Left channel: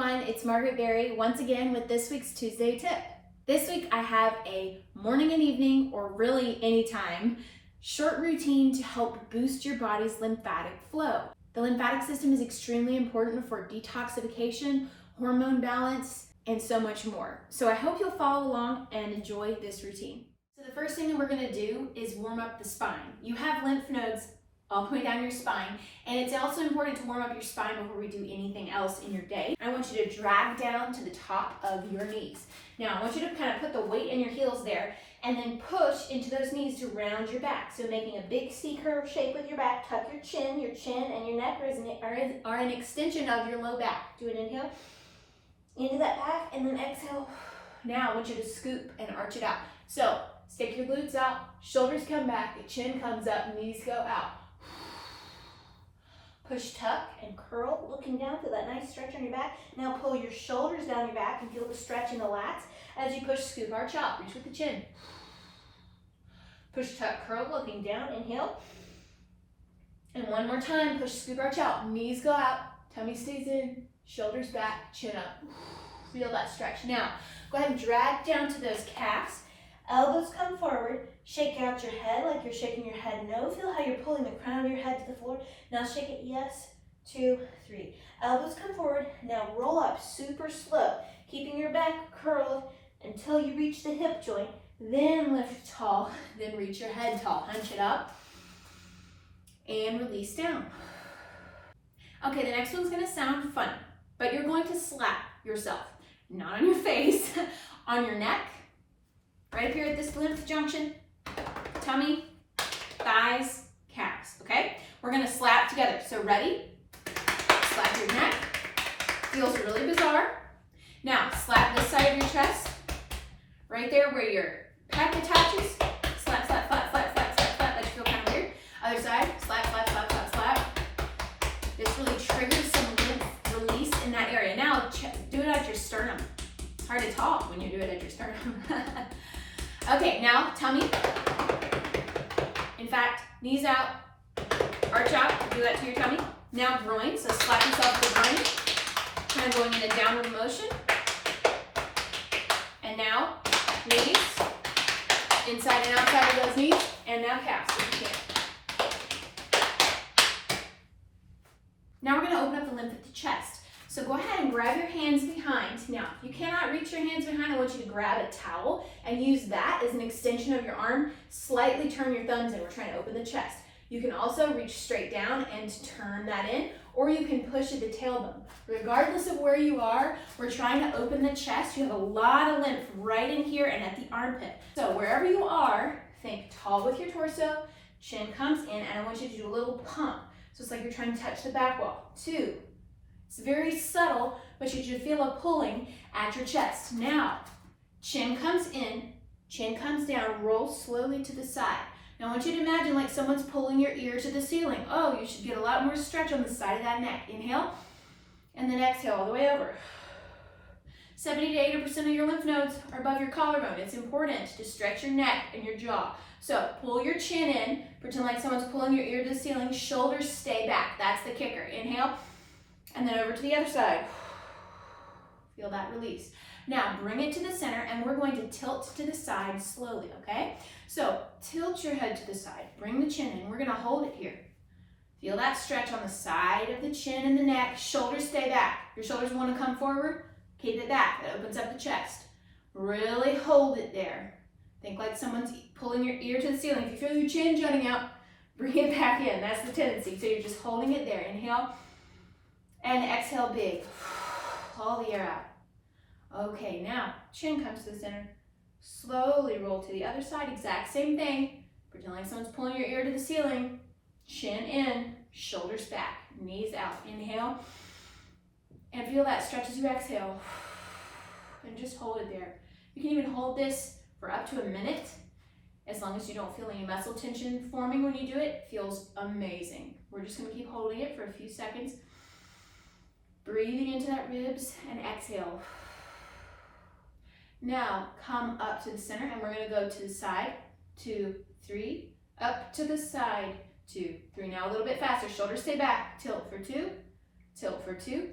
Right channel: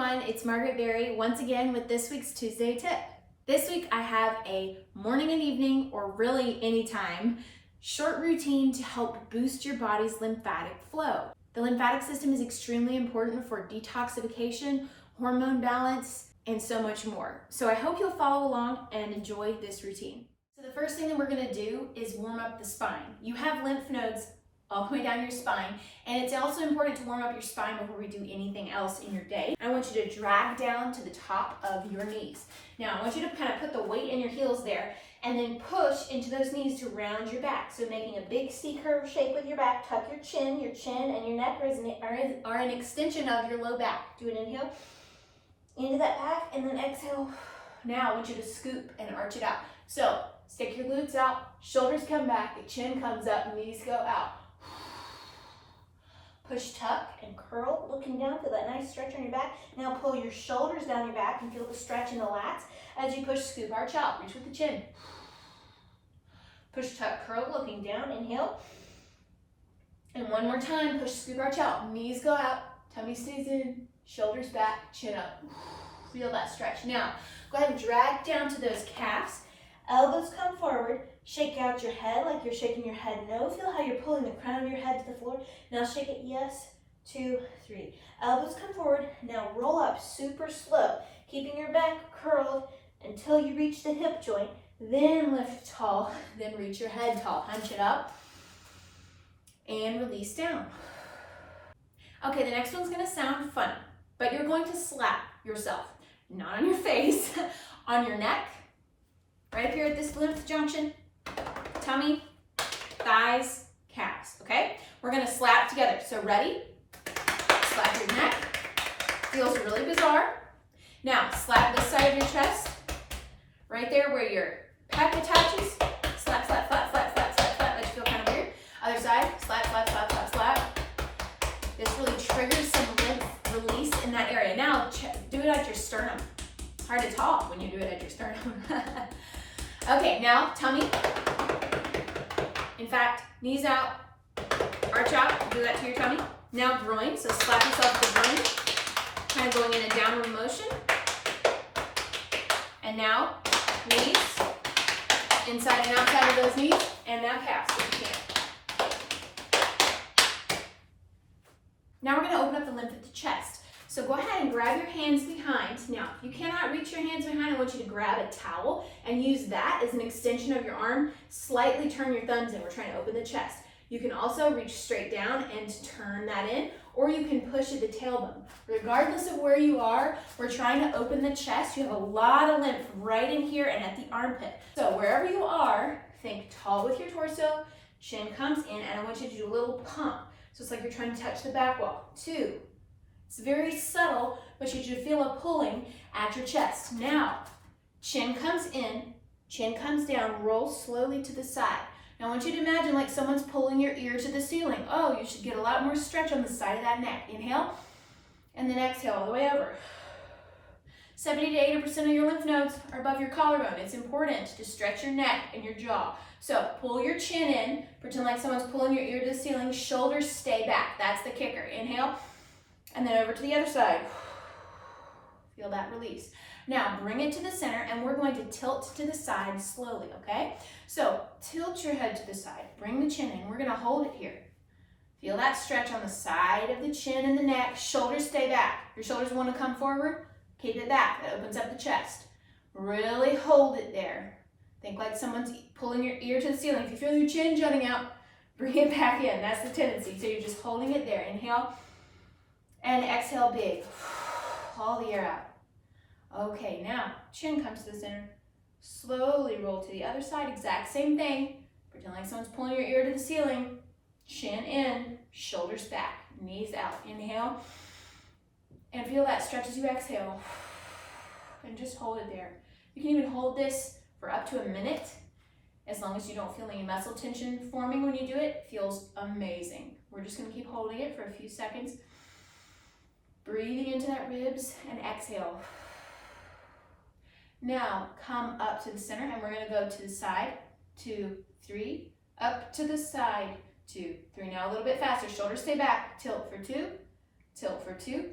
everyone, it's Margaret Berry once again with this week's Tuesday tip. This week I have a morning and evening, or really anytime, short routine to help boost your body's lymphatic flow. The lymphatic system is extremely important for detoxification, hormone balance, and so much more. So I hope you'll follow along and enjoy this routine. So the first thing that we're gonna do is warm up the spine. You have lymph nodes all the way down your spine, and it's also important to warm up your spine before we do anything else in your day. I want you to drag down to the top of your knees. Now I want you to kind of put the weight in your heels there and then push into those knees to round your back. So making a big C-curve shape with your back, tuck your chin and your neck are an extension of your low back. Do an inhale into that back and then exhale. Now I want you to scoop and arch it out. So stick your glutes out, shoulders come back, the chin comes up, knees go out. Push, tuck, and curl, looking down, feel that nice stretch on your back. Now pull your shoulders down your back and feel the stretch in the lats. As you push, scoop, arch out, reach with the chin. Push, tuck, curl, looking down, inhale. And one more time, push, scoop, arch out, knees go out, tummy stays in, shoulders back, chin up. Feel that stretch. Now, go ahead and drag down to those calves. Elbows come forward, shake out your head like you're shaking your head no. Feel how you're pulling the crown of your head to the floor. Now shake it, yes, 2, 3. Elbows come forward, now roll up super slow, keeping your back curled until you reach the hip joint. Then lift tall, then reach your head tall. Hunch it up and release down. Okay, the next one's gonna sound funny, but you're going to slap yourself, not on your face, on your neck, right up here at this lymph junction, tummy, thighs, calves, okay? We're gonna slap together. So ready? Slap your neck. Feels really bizarre. Now, slap this side of your chest, right there where your pec attaches. Slap, slap, slap, slap, slap, slap, slap. That should feel kind of weird. Other side, slap, slap, slap, slap, slap. This really triggers some lymph release in that area. Now, do it at your sternum. It's hard to talk when you do it at your sternum. Okay, now tummy. In fact, knees out, arch out, do that to your tummy. Now groin, so slap yourself with the groin, kind of going in a downward motion. And now knees, inside and outside of those knees, and now calves if you can. Now we're gonna open up the lymph at the chest. So go ahead and grab your hands behind. Now, if you cannot reach your hands behind, I want you to grab a towel and use that as an extension of your arm. Slightly turn your thumbs in. We're trying to open the chest. You can also reach straight down and turn that in, or you can push at the tailbone. Regardless of where you are, we're trying to open the chest. You have a lot of lymph right in here and at the armpit. So wherever you are, think tall with your torso, chin comes in, and I want you to do a little pump. So it's like you're trying to touch the back wall. 2. It's very subtle, but you should feel a pulling at your chest. Now, chin comes in, chin comes down, roll slowly to the side. Now I want you to imagine like someone's pulling your ear to the ceiling. Oh, you should get a lot more stretch on the side of that neck. Inhale, and then exhale all the way over. 70 to 80% of your lymph nodes are above your collarbone. It's important to stretch your neck and your jaw. So pull your chin in, pretend like someone's pulling your ear to the ceiling, shoulders stay back. That's the kicker. Inhale. And then over to the other side. Feel that release. Now bring it to the center and we're going to tilt to the side slowly, okay? So tilt your head to the side, bring the chin in, we're gonna hold it here. Feel that stretch on the side of the chin and the neck, shoulders stay back. Your shoulders wanna come forward, keep it back, that opens up the chest. Really hold it there. Think like someone's pulling your ear to the ceiling. If you feel your chin jutting out, bring it back in, that's the tendency. So you're just holding it there, inhale. And exhale big, all the air out. Okay, now chin comes to the center. Slowly roll to the other side, exact same thing. Pretend like someone's pulling your ear to the ceiling. Chin in, shoulders back, knees out. Inhale, and feel that stretch as you exhale. And just hold it there. You can even hold this for up to a minute, as long as you don't feel any muscle tension forming when you do it. It feels amazing. We're just gonna keep holding it for a few seconds. Breathing into that ribs and exhale. Now come up to the center and we're gonna go to the side, 2, 3, up to the side, 2, 3. Now a little bit faster, shoulders stay back, tilt for 2, tilt for 2,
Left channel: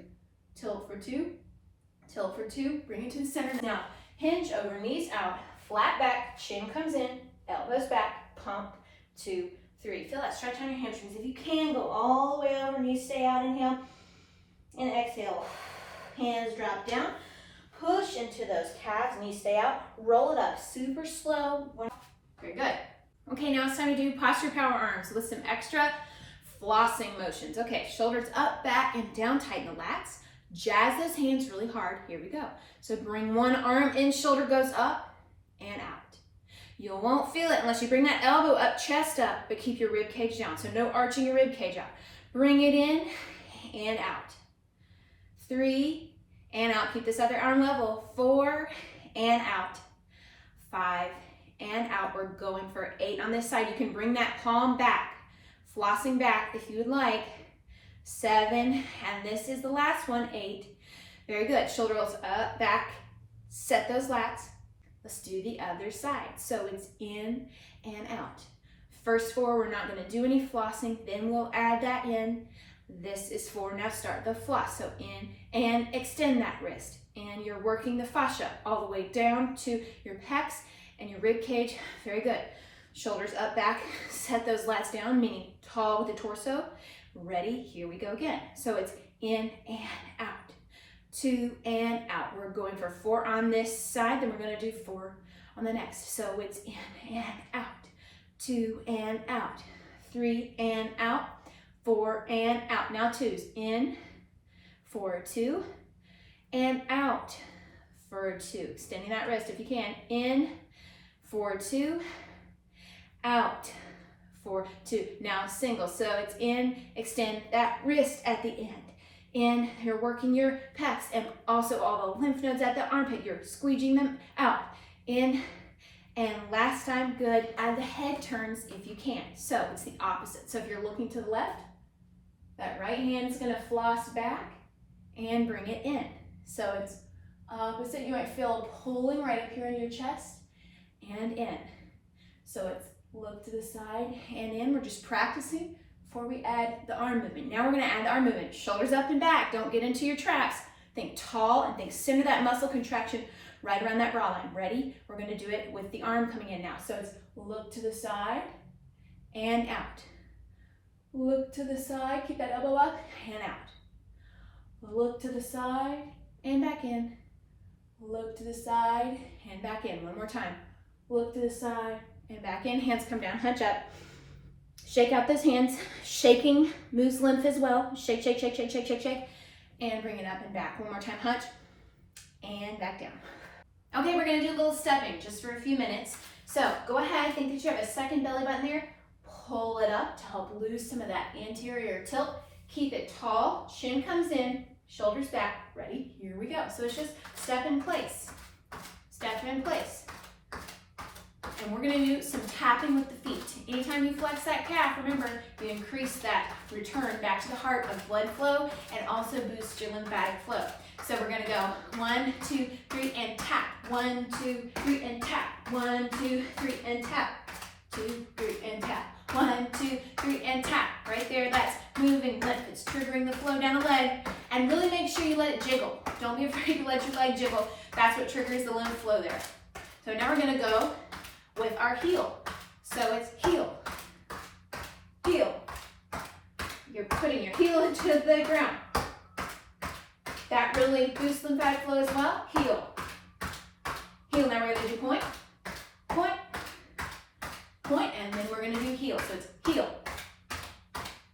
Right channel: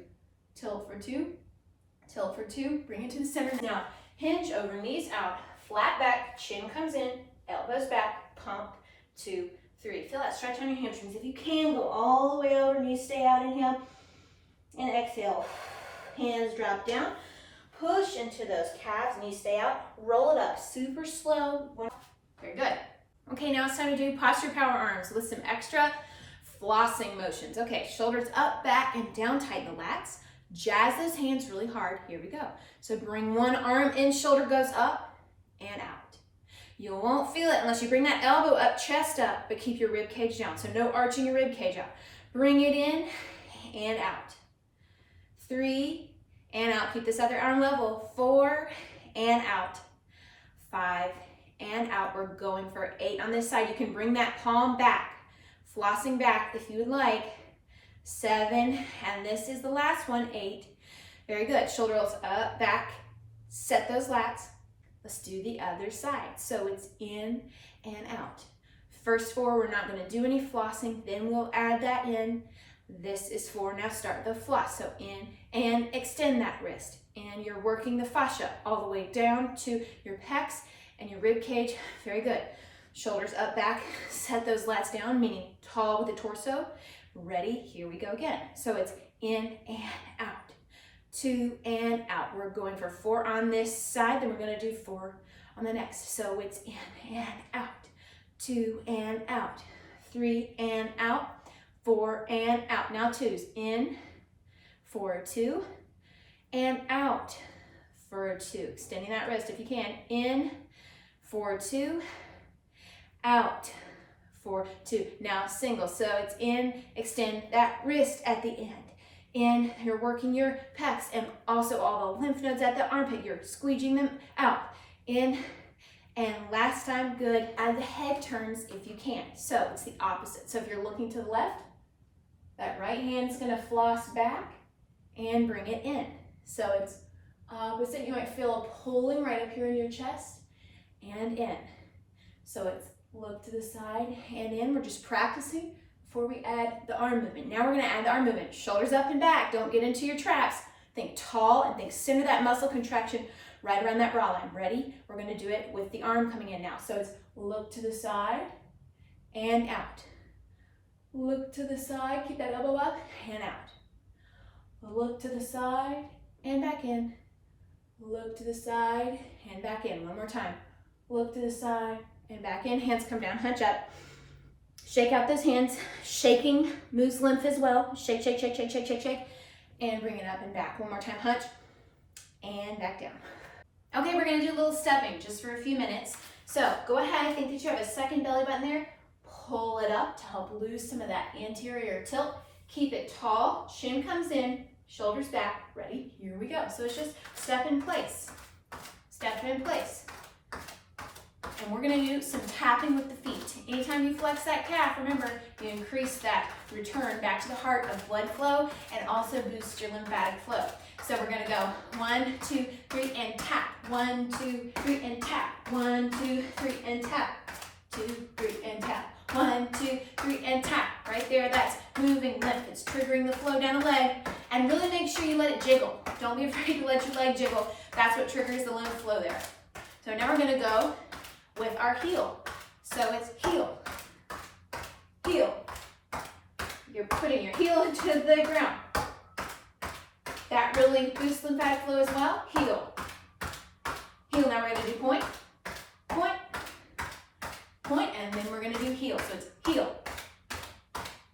tilt for 2, Tilt for 2, bring it to the center. Now, hinge over, knees out, flat back, chin comes in, elbows back, pump, 2, 3. Feel that stretch on your hamstrings. If you can, go all the way over, knees stay out, inhale, and exhale. Hands drop down, push into those calves, knees stay out, roll it up, super slow. Very good. Okay, now it's time to do posture power arms with some extra flossing motions. Okay, shoulders up, back, and down, tighten the lats. Jazz those hands really hard. Here we go. So bring one arm in, shoulder goes up and out. You won't feel it unless you bring that elbow up, chest up, but keep your rib cage down. So no arching your rib cage out. Bring it in and out. 3 and out. Keep this other arm level. 4 and out. 5 and out. We're going for 8 on this side. You can bring that palm back, flossing back if you would like. 7, and this is the last one, 8. Very good. Shoulder rolls up, back, set those lats. Let's do the other side. So it's in and out. First 4, we're not going to do any flossing, then we'll add that in. This is 4. Now start the floss. So in and extend that wrist. And you're working the fascia all the way down to your pecs and your rib cage. Very good. Shoulders up, back, set those lats down, meaning tall with the torso. Ready? Here we go again. So it's in and out. 2 and out. We're going for 4 on this side, then we're going to do 4 on the next. So it's in and out. 2 and out. 3 and out. 4 and out. Now 2s. In for 2 and out for 2. Extending that wrist if you can. In for 2, out for 2. Now single. So it's in, extend that wrist at the end. In, you're working your pecs and also all the lymph nodes at the armpit. You're squeegeing them out. In, and last time, good. Add the head turns if you can. So it's the opposite. So if you're looking to the left, that right hand is going to floss back and bring it in. So it's opposite. You might feel a pulling right up here in your chest and in. So it's look to the side and in. We're just practicing before we add the arm movement. Now we're going to add the arm movement. Shoulders up and back. Don't get into your traps. Think tall and think center that muscle contraction right around that bra line. Ready? We're going to do it with the arm coming in now. So it's look to the side and out. Look to the side. Keep that elbow up and out. Look to the side and back in. Look to the side and back in. One more time. Look to the side and back in. Hands come down, hunch up. Shake out those hands. Shaking moves lymph as well. Shake, shake, shake, shake, shake, shake, shake. And bring it up and back. One more time, hunch. And back down. Okay, we're gonna do a little stepping just for a few minutes. So go ahead, think that you have a second belly button there. Pull it up to help lose some of that anterior tilt. Keep it tall, chin comes in, shoulders back. Ready? Here we go. So it's just step in place. Step in place. And we're gonna do some tapping with the feet. Anytime you flex that calf, remember, you increase that return back to the heart of blood flow and also boost your lymphatic flow. So we're gonna go 1, 2, 3, and tap. 1, 2, 3, and tap. 1, 2, 3, and tap. 2, 3, and tap. 1, 2, 3, and tap. Right there, that's moving lymph. It's triggering the flow down the leg. And really make sure you let it jiggle. Don't be afraid to let your leg jiggle. That's what triggers the lymph flow there. So now we're gonna go with our heel. So it's heel, heel. You're putting your heel into the ground. That really boosts lymphatic flow as well. Heel, heel. Now we're gonna do point, point, point, and then we're gonna do heel. So it's heel,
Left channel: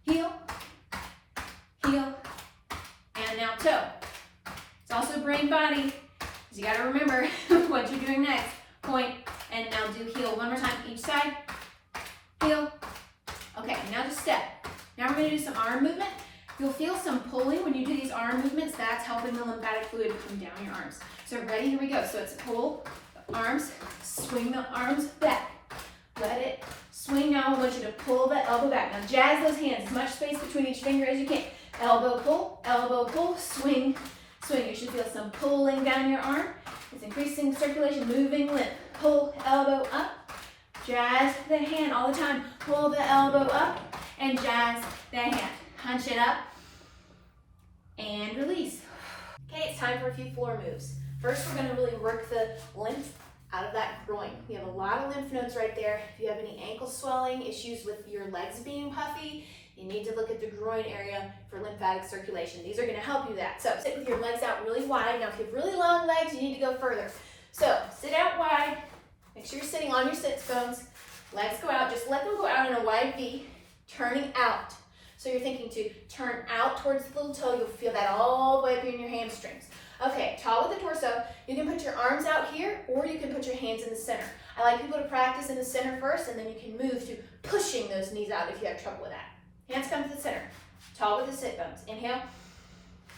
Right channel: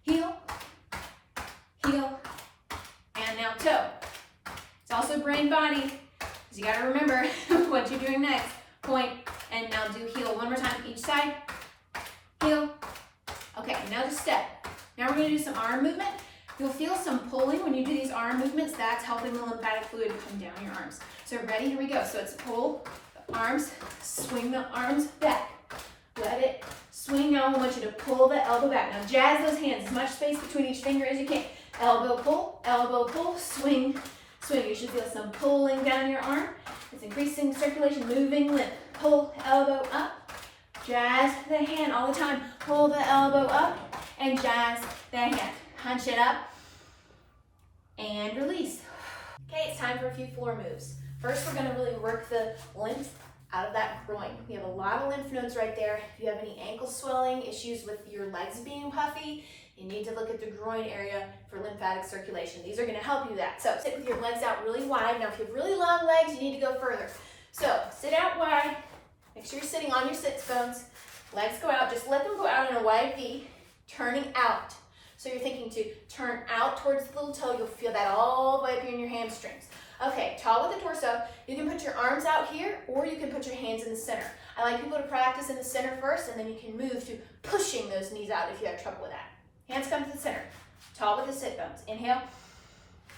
heel, heel, and now toe. It's also brain body, because you gotta remember what you're doing next. Point, and now do heel. One more time, each side. Heel. Okay, now just step. Now we're gonna do some arm movement. You'll feel some pulling when you do these arm movements. That's helping the lymphatic fluid come down your arms. So ready, here we go. So it's pull the arms, swing the arms back. Let it swing. Now I want you to pull the elbow back. Now jazz those hands, as much space between each finger as you can. Elbow pull, swing, swing. You should feel some pulling down your arm. It's increasing circulation, moving lymph. Pull, elbow up, jazz the hand all the time. Pull the elbow up and jazz the hand. Hunch it up and release. Okay, it's time for a few floor moves. First, we're gonna really work the lymph out of that groin. We have a lot of lymph nodes right there. If you have any ankle swelling, issues with your legs being puffy, you need to look at the groin area for lymphatic circulation. These are gonna help you that. So sit with your legs out really wide. Now, if you have really long legs, you need to go further. So sit out wide. Make sure you're sitting on your sits bones. Legs go out. Just let them go out in a wide V, turning out. So you're thinking to turn out towards the little toe. You'll feel that all the way up here in your hamstrings. Okay, tall with the torso. You can put your arms out here, or you can put your hands in the center. I like people to practice in the center first, and then you can move to pushing those knees out if you have trouble with that. Hands come to the center. Tall with the sit bones. Inhale.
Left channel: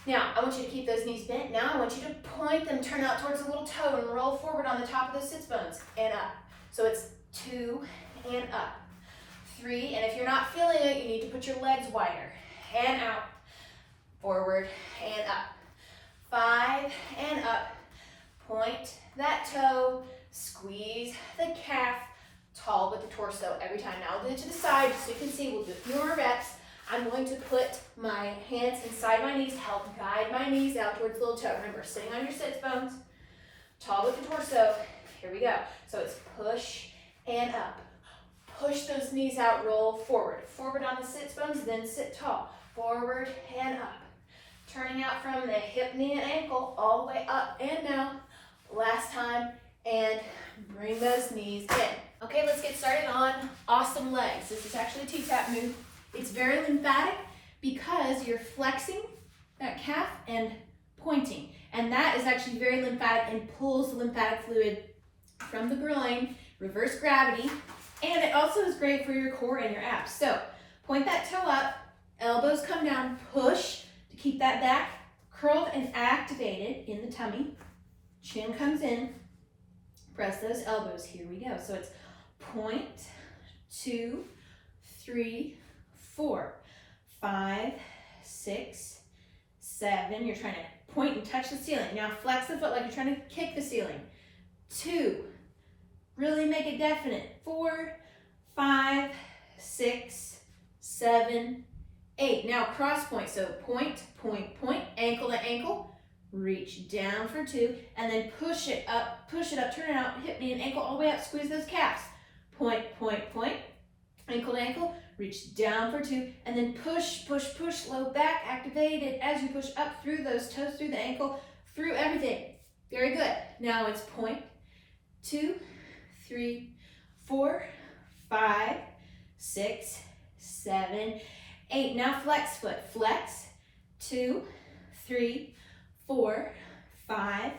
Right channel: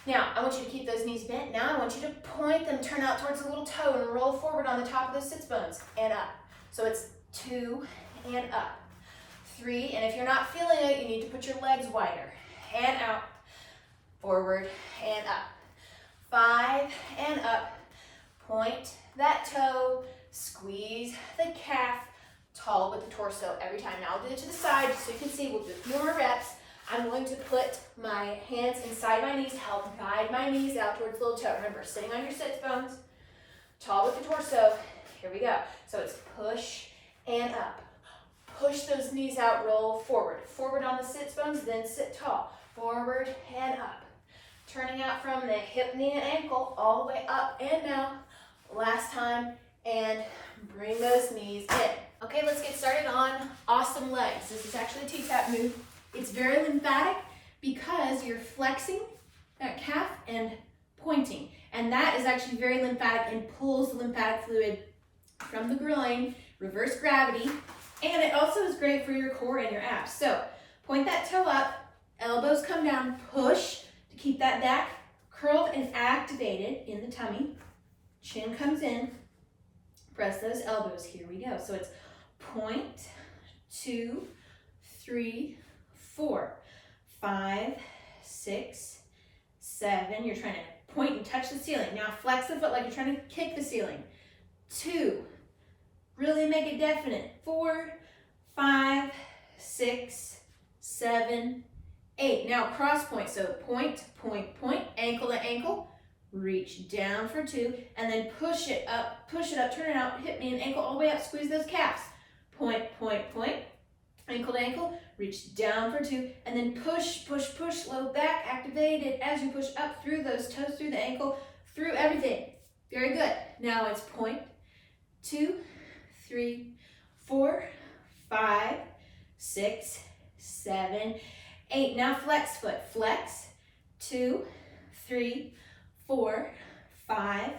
Now, I want you to keep those knees bent. Now, I want you to point them, turn out towards the little toe, and roll forward on the top of those sits bones, and up. So it's 2 and up. 3, and if you're not feeling it, you need to put your legs wider. And out, forward, and up. 5, and up. Point that toe, squeeze the calf, tall with the torso every time. Now I'll do it to the side just so you can see. We'll do a few more reps. I'm going to put my hands inside my knees, help guide my knees out towards the little toe. Remember, sitting on your sits bones, tall with the torso. Here we go. So it's push and up. Push those knees out, roll forward. Forward on the sits bones, then sit tall. Forward and up. Turning out from the hip, knee, and ankle all the way up and down. Last time, and bring those knees in. Okay, let's get started on awesome legs. This is actually a t-tapp move. It's very lymphatic because you're flexing that calf and pointing. And that is actually very lymphatic and pulls the lymphatic fluid from the groin, reverse gravity, and it also is great for your core and your abs. So point that toe up, elbows come down, push to keep that back curled and activated in the tummy. Chin comes in, press those elbows. Here we go. So it's point, 2, 3, 4, 5, 6, 7. You're trying to point and touch the ceiling. Now flex the foot like you're trying to kick the ceiling. 2, really make it definite. 4, 5, 6, 7, 8. Now cross point. So point, point, point, ankle to ankle. Reach down for 2, and then push it up, turn it out, hip, knee, and ankle all the way up, squeeze those calves. Point, point, point, ankle to ankle, reach down for 2, and then push, push, push, low back, activated as you push up through those toes, through the ankle, through everything. Very good. Now it's point, 2, 3, 4, 5, 6, 7, 8. Now flex foot, flex, 2, 3, 4, 5,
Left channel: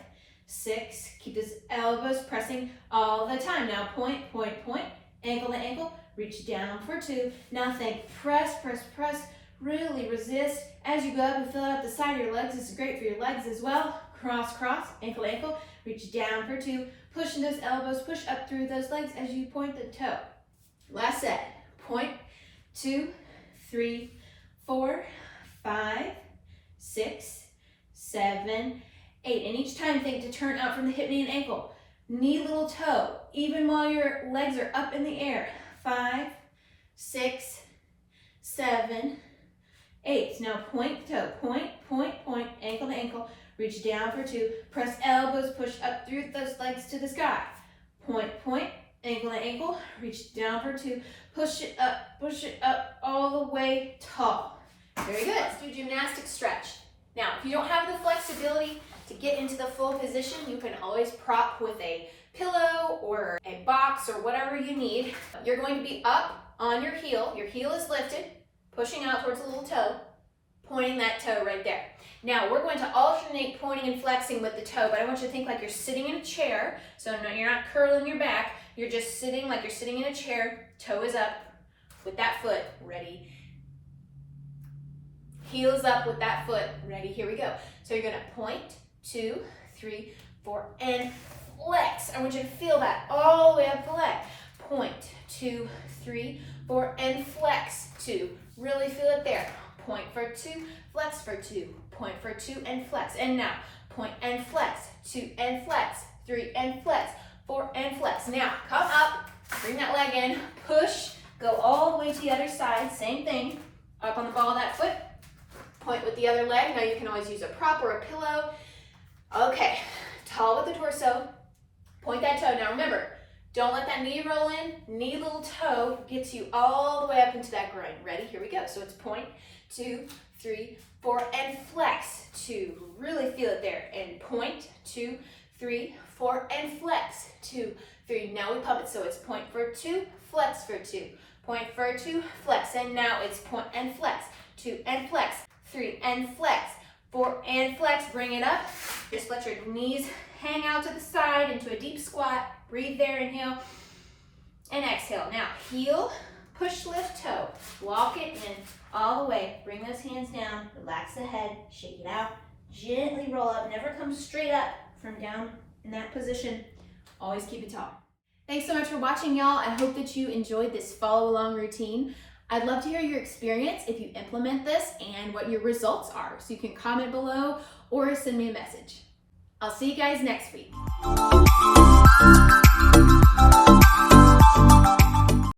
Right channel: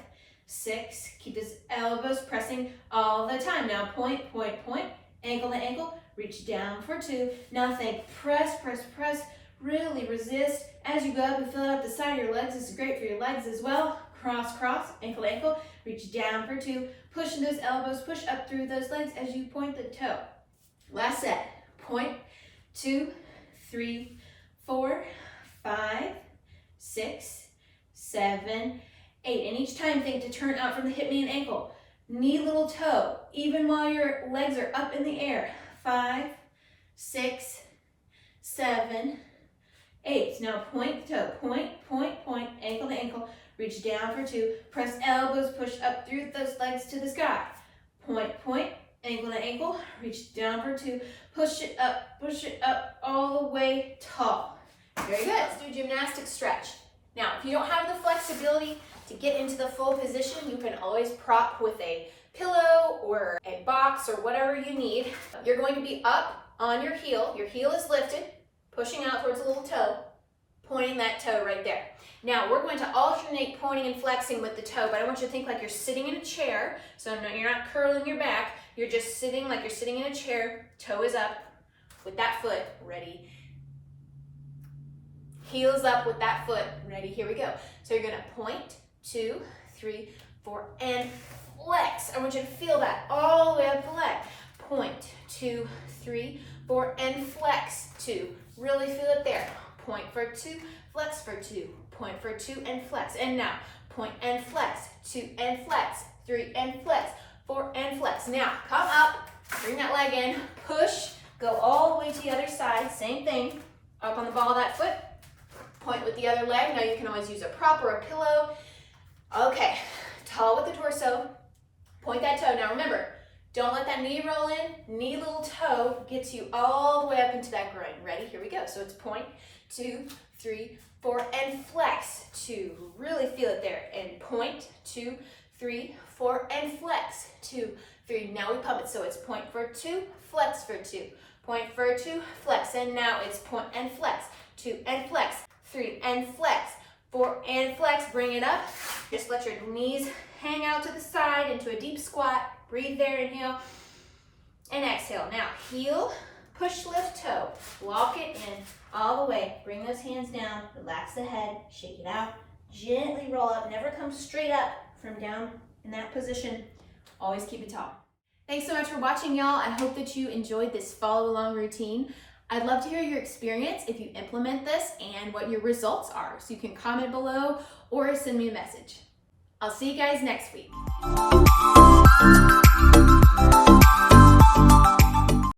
6. Keep those elbows pressing all the time. Now point, point, point, ankle to ankle, reach down for 2. Now think, press, press, press, really resist as you go up and fill it up the side of your legs. This is great for your legs as well. Cross, cross, ankle to ankle, reach down for 2. Pushing those elbows, push up through those legs as you point the toe. Last set, point, 2, 3, 4, 5, 6, 7, 8. And each time think to turn out from the hip, knee, and ankle. Knee, little toe, even while your legs are up in the air. 5, 6, 7, 8. Now point the toe, point, point, point, ankle to ankle. Reach down for 2. Press elbows, push up through those legs to the sky. Point, point, ankle to ankle. Reach down for 2. Push it up all the way tall. Very good. Let's do gymnastic stretch. Now, if you don't have the flexibility to get into the full position, you can always prop with a pillow or a box or whatever you need. You're going to be up on your heel. Your heel is lifted, pushing out towards the little toe, pointing that toe right there. Now, we're going to alternate pointing and flexing with the toe, but I want you to think like you're sitting in a chair. So no, you're not curling your back. You're just sitting like you're sitting in a chair. Toe is up with that foot. Ready? Heel is up with that foot. Ready? Here we go. So you're going to point, 2, 3, 4, and flex. I want you to feel that all the way up the leg. Point, 2, 3, 4, and flex. 2. Really feel it there. Point for 2, flex for 2. Point for 2 and flex. And now, point and flex. 2 and flex. 3 and flex. 4 and flex. Now, come up. Bring that leg in. Push. Go all the way to the other side. Same thing. Up on the ball of that foot. point with the other leg. Now you can always use a prop or a pillow. Okay, tall with the torso, point that toe. Now remember, don't let that knee roll in, knee little toe gets you all the way up into that groin. Ready? Here we go. So it's point, 2, 3, 4, and flex, 2. Really feel it there. And point, 2, 3, 4, and flex, 2, 3. Now we pump it. So it's point for 2, flex for 2. Point for 2, flex. And now it's point and flex, 2 and flex, 3 and flex, 4 and flex. Bring it up. Just let your knees hang out to the side into a deep squat. Breathe there, inhale, and exhale. Now, heel, push, lift, toe. Walk it in all the way. Bring those hands down, relax the head, shake it out. Gently roll up, never come straight up from down in that position. Always keep it tall. Thanks so much for watching, y'all. I hope that you enjoyed this follow along routine. I'd love to hear your experience if you implement this and what your results are. So you can comment below or send me a message. I'll see you guys next week.